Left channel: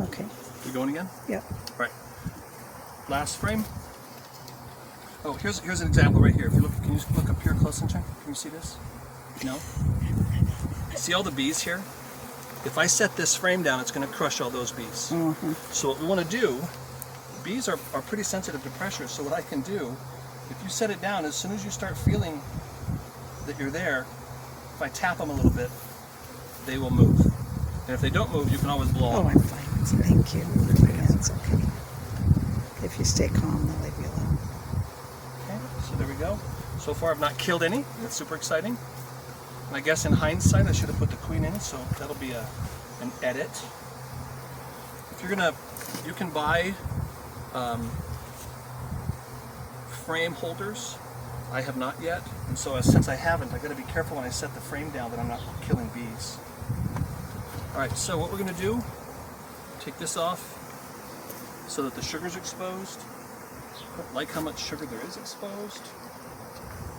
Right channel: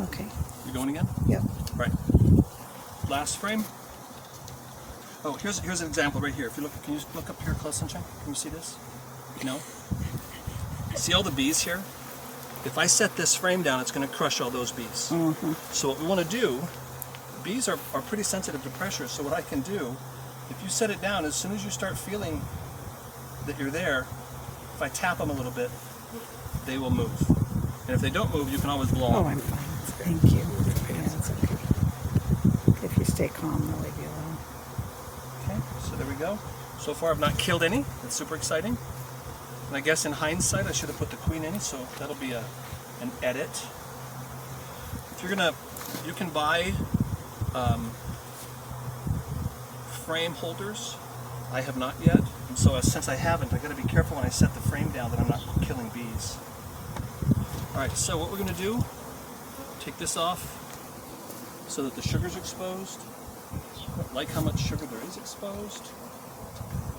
Okay. You going again? Yep. Right. Last frame. Oh, here's an example right here. If you look, can you look up here close and check? Can you see this? No? See all the bees here? If I set this frame down, it's going to crush all those bees. Mm-hmm. So what we want to do, bees are pretty sensitive to pressure, so what I can do, if you set it down, as soon as you start feeling that you're there, if I tap them a little bit, they will move. And if they don't move, you can always blow Oh, them. I'm fine. Thank you. Yeah, it's okay. If you stay calm, they'll leave you alone. Okay, so there we go. So far I've not killed any. That's super exciting. And I guess in hindsight I should have put the queen in, so that'll be an edit. If you're gonna, you can buy frame holders. I have not yet, and so since I haven't, I got to be careful when I set the frame down that I'm not killing bees. All right, so what we're gonna do, take this off so that the sugar's exposed. I don't like how much sugar there is exposed. Do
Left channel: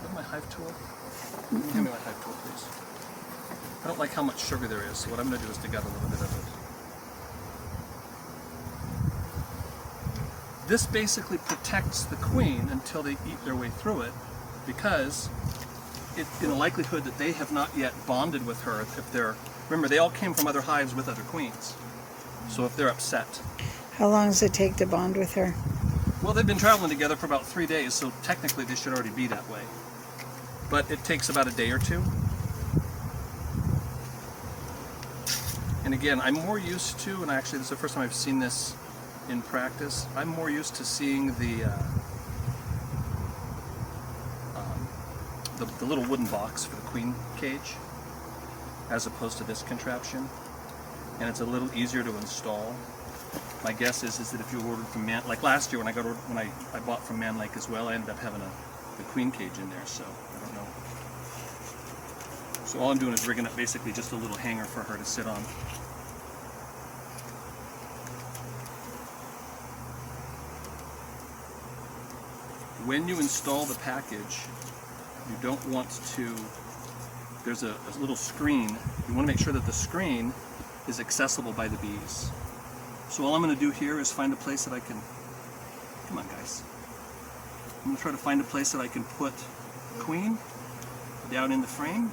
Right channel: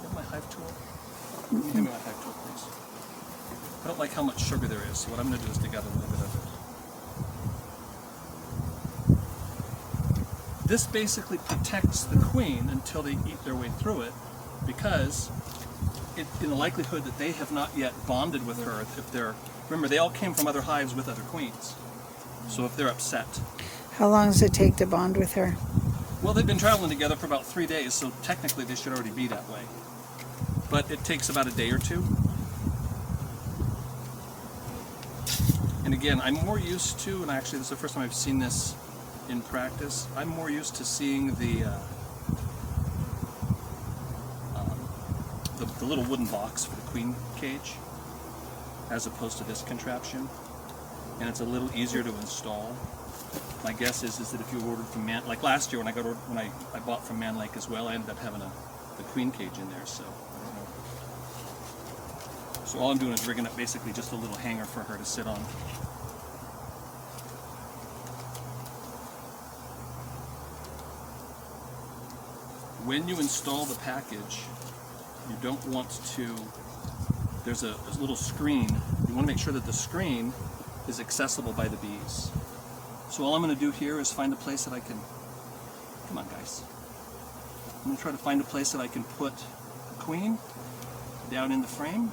you have my hive tool? Can you hand me my hive tool, please? I don't like how much sugar there is, so what I'm going to do is dig out a little bit of it. This basically protects the queen until they eat their way through it, because in the likelihood that they have not yet bonded with her, if they're, remember they all came from other hives with other queens, so if they're upset. How long does it take to bond with her? Well, they've been traveling together for about 3 days, so technically they should already be that way. But it takes about a day or two. And again, I'm more used to, and actually this is the first time I've seen this in practice, I'm more used to seeing the little wooden box for the queen cage as opposed to this contraption. And it's a little easier to install. My guess is that if you ordered from like last year when I bought from Man Lake as well, I ended up having the queen cage in there, so I don't know. So all I'm doing is rigging up basically just a little hanger for her to sit on. When you install the package, you don't want to, there's a little screen. You want to make sure that the screen is accessible by the bees. So all I'm going to do here is find a place that I can, come on guys, I'm going to try to find a place that I can put queen down in the frame.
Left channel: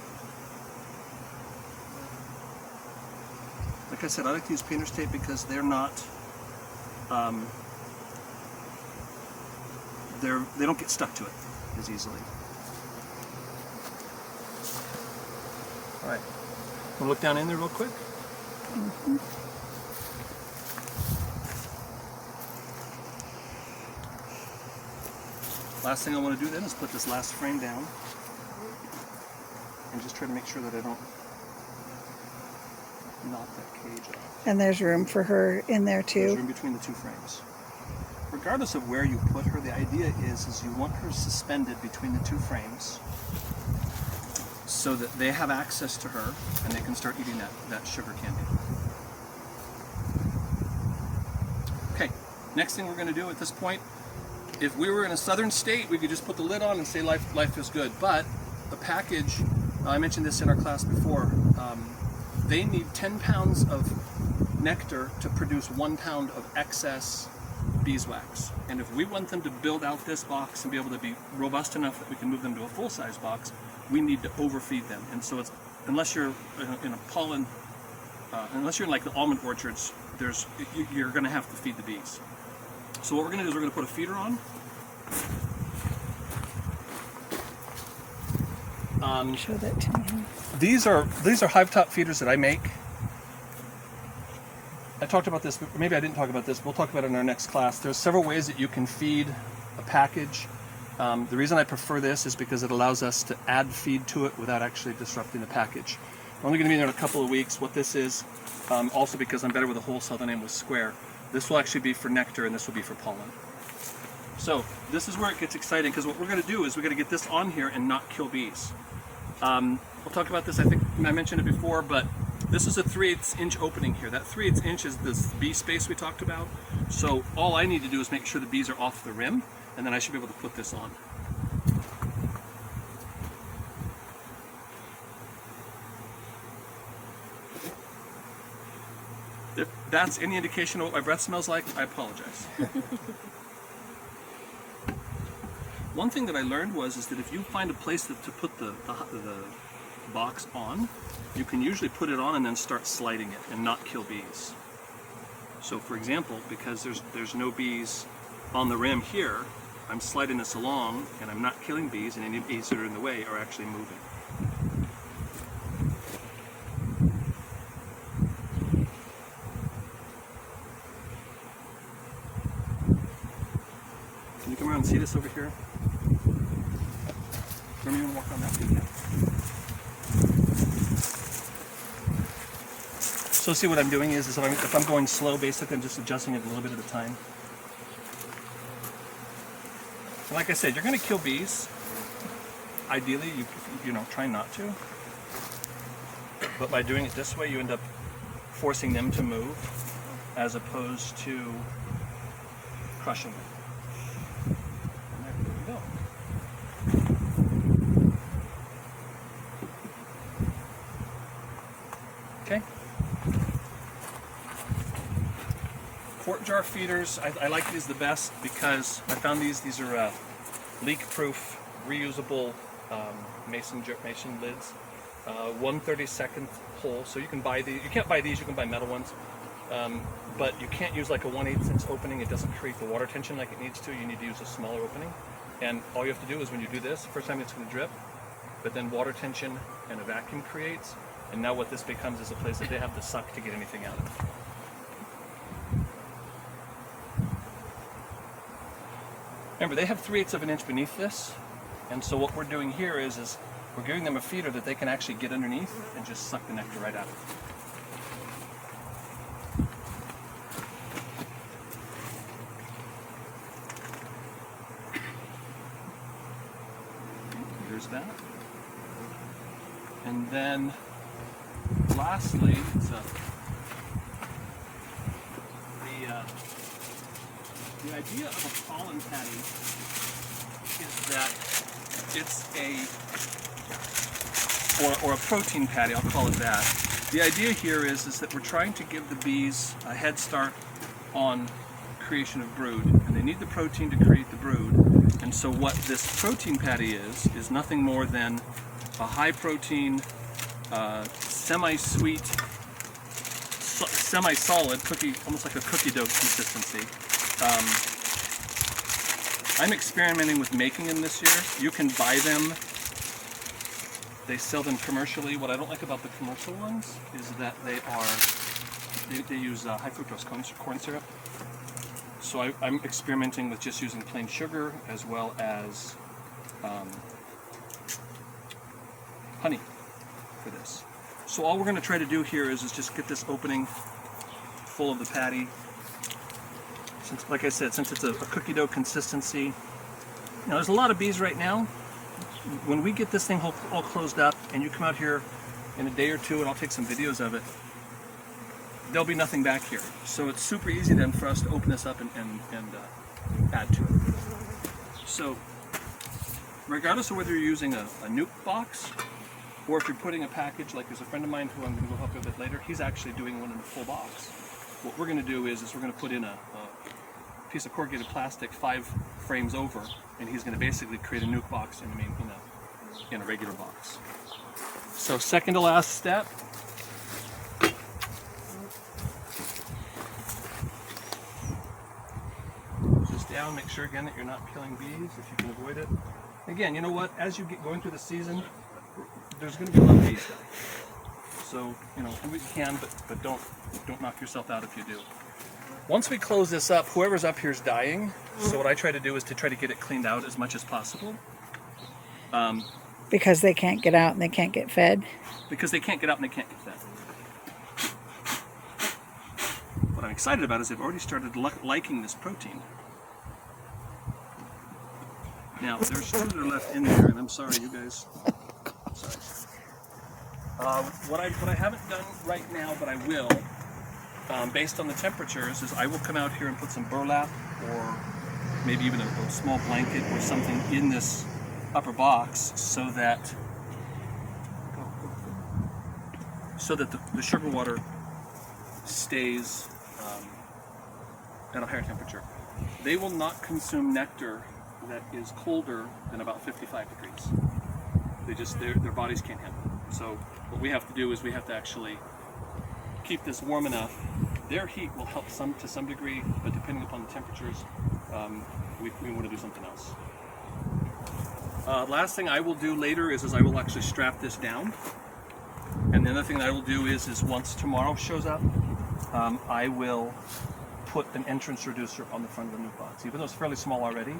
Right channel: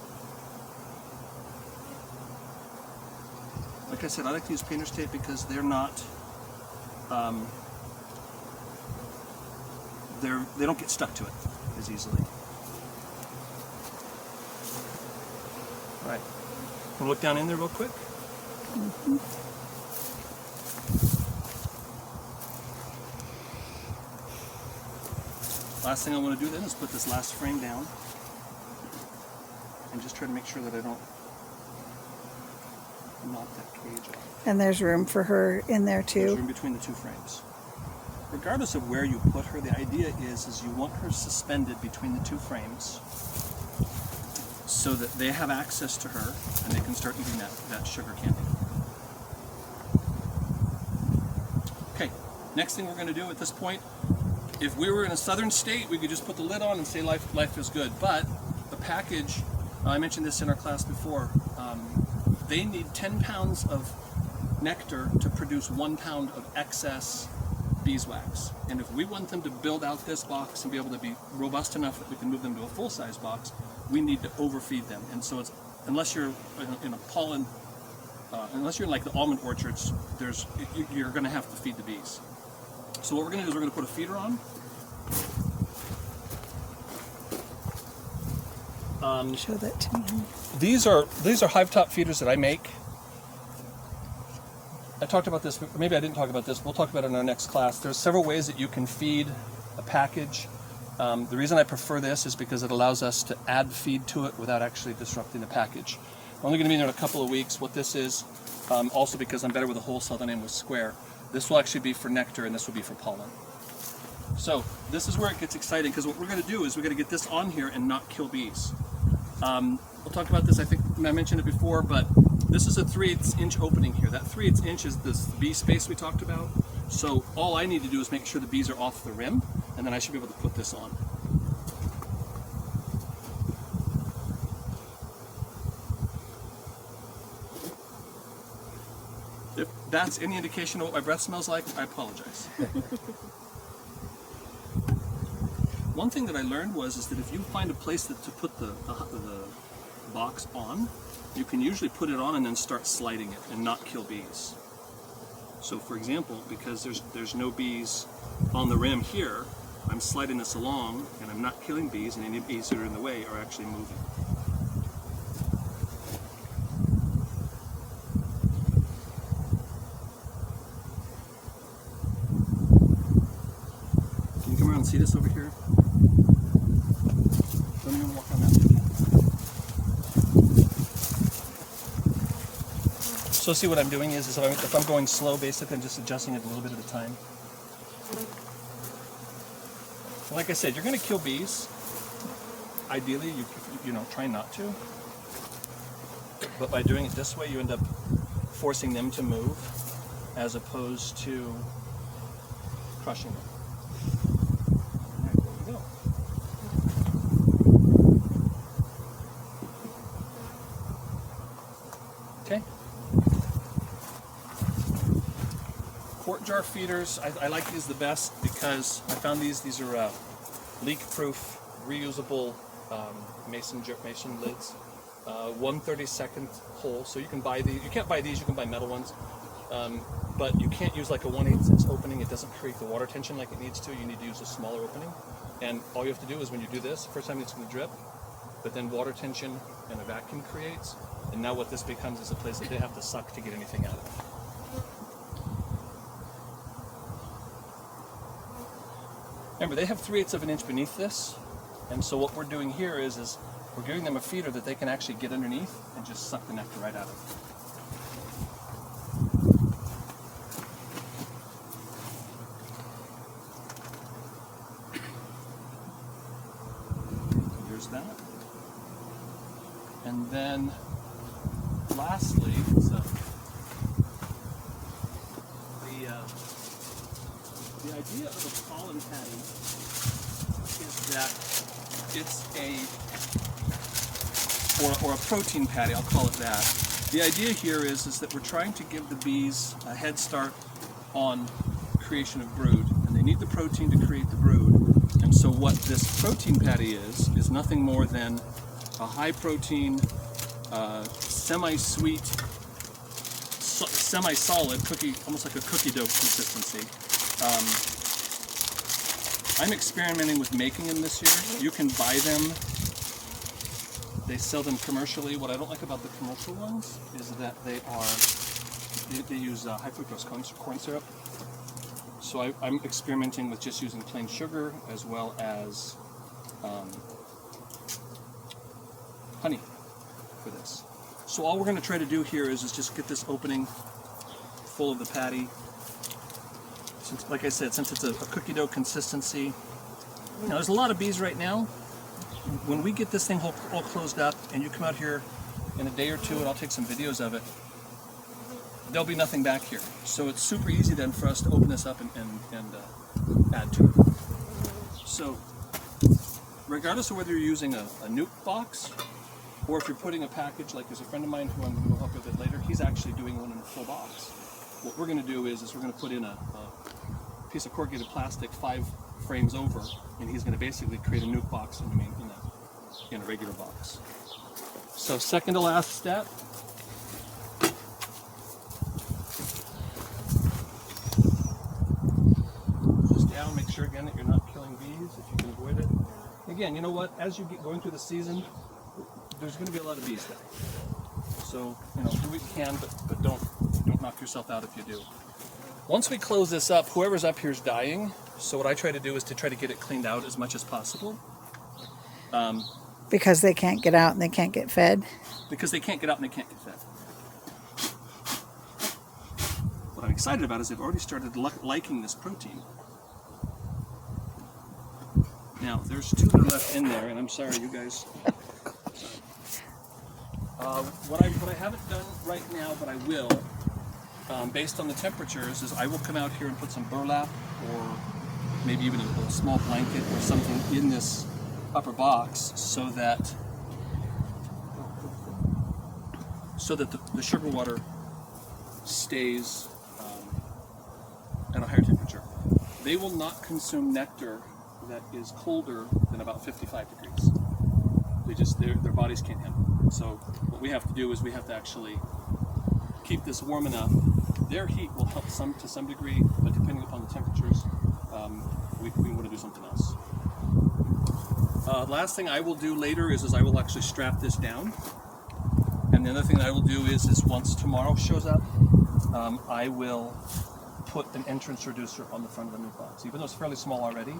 Like I said, I like to use painter's tape because they're not, they don't get stuck to it as easily. All right, we'll look down in there real quick. Mm-hmm. Last thing I want to do then is put this last frame down and just try to make sure that I don't knock that cage off. And there's room for her in there There's too? room between the two frames. Regardless of where you put her, the idea is you want her suspended between the two frames so that they have access to her and they can start eating that sugar candy. Okay, next thing we're going to do at this point, if we were in a southern state, we could just put the lid on and say life is good. But the package, I mentioned this in our class before, they need 10 pounds of nectar to produce 1 pound of excess beeswax. And if we want them to build out this box and be able to be robust enough that we can move them to a full-size box, we need to overfeed them. And so it's, unless you're in a pollen, unless you're in like the almond orchards, you're going to have to feed the bees. So what we're going to do is we're going to put a feeder on. Show that to me. These are hive top feeders that I make. I talked about this, but maybe I didn't talk about this. We'll talk about it in our next class. There's several ways that you can feed a package. The reason I prefer this is because it allows us to add feed to it without actually disrupting the package. We're only going to be there in a couple of weeks. What this is, also because I'm better with a whole cell than I am with square. This will actually be for nectar and this will be for pollen. So this is where it gets exciting, because what we're going to do is we're going to get this on here and not kill bees. We'll talk about this, I think I mentioned it before, but this is a 3/8 inch opening here. That 3/8 inch is this bee space we talked about. So all I need to do is make sure the bees are off the rim, and then I should be able to put this on. that's any indication of what my breath smells like, I apologize. One thing that I learned is that if you find a place to put the box on, you can usually put it on and then start sliding it and not kill bees. So for example, because there's no bees on the rim here, I'm sliding this along and I'm not killing bees, and any bees that are in the way are actually moving. Can you come around and see this over here? Remember, you want to walk on that? So see, what I'm doing is if I'm going slow, basically I'm just adjusting it a little bit at a time. And like I said, you're going to kill bees. Ideally, you know, try not to. But by doing it this way, you end up forcing them to move as opposed to crushing them. And there we go. Okay. Quart jar feeders, I like these the best because I found these are leak-proof, reusable mason lids. 1/32 hole, so you can buy these. You can't buy these, you can buy metal ones. But you can't use like a 1/8 inch opening. It doesn't create the water tension like it needs to. You need to use a smaller opening. And all you have to do is when you do this, first time it's going to drip, but then water tension and a vacuum creates. And now what this becomes is a place that they have to suck to get anything out of it. Remember, they have 3/8 of an inch beneath this, and so what we're doing here is we're giving them a feeder that they can actually get underneath and just suck the nectar right out of it. There's that. And then, lastly, the idea of a pollen patty is that it's or a protein patty, I'll call it that. The idea here is that we're trying to give the bees a head start on creation of brood, and they need the protein to create the brood. And so what this protein patty is nothing more than a high protein, semi-sweet, semi-solid cookie, almost like a cookie dough consistency. I'm experimenting with making them this year. You can buy them. They sell them commercially. What I don't like about the commercial ones is that they use high fructose corn syrup. So I'm experimenting with just using plain sugar as well as honey for this. So all we're going to try to do here is just get this opening full of the patty. Since, like I said, since it's a cookie dough consistency. Now there's a lot of bees right now. When we get this thing all closed up and you come out here in a day or two, and I'll take some videos of it, there'll be nothing back here. So it's super easy then for us to open this up and add to it. So regardless of whether you're using a nuke box or if you're putting a package, like there's a friend of mine who I'm going to go help you a bit later, he's actually doing one in a full box. What we're going to do is we're going to put in a piece of corrugated plastic 5 frames over, and he's going to basically create a nuke box in a regular box. So second to last step. Just down, make sure again that you're not killing bees if you can avoid it. Again, you know what? As you get going through the season, there's going to be a lot of bees dying. So, you know, do what you can, but don't knock yourself out if you do. Once we close this up, whoever's up here is dying. So what I try to do is to try to get it cleaned out as much as possible. Because they can't get out and they can't get fed? Because they can't get out and they can't get fed. What I'm excited about is they've already started liking this protein. Now, there's 2 that are left in there, and I'm sorry, you guys. Sorry. What I haven't done right now, but I will, based on the temperatures, is I will come out here and put some burlap or maybe even a small blanket or something in this upper box so that the sugar water stays at a higher temperature. They will not consume nectar that is colder than about 55 degrees. Their bodies can't handle it. So what we have to do is we have to actually keep this warm enough. Their heat will help to some degree, but depending upon the temperatures, we want to do something else. Last thing I will do later is I will actually strap this down. And the other thing that I will do is once tomorrow shows up, I will put an entrance reducer on the front of the new box. Even though it's fairly small already,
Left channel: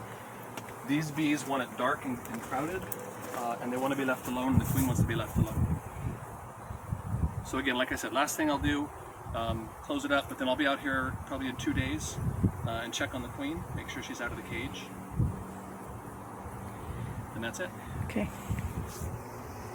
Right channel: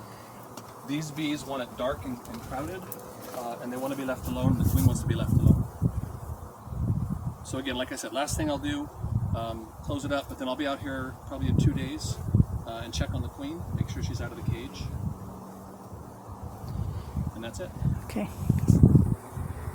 these bees want it dark and crowded, and they want to be left alone, and the queen wants to be left alone. So again, like I said, last thing I'll do, close it up, but then I'll be out here probably in 2 days and check on the queen, make sure she's out of the cage. And that's it. Okay.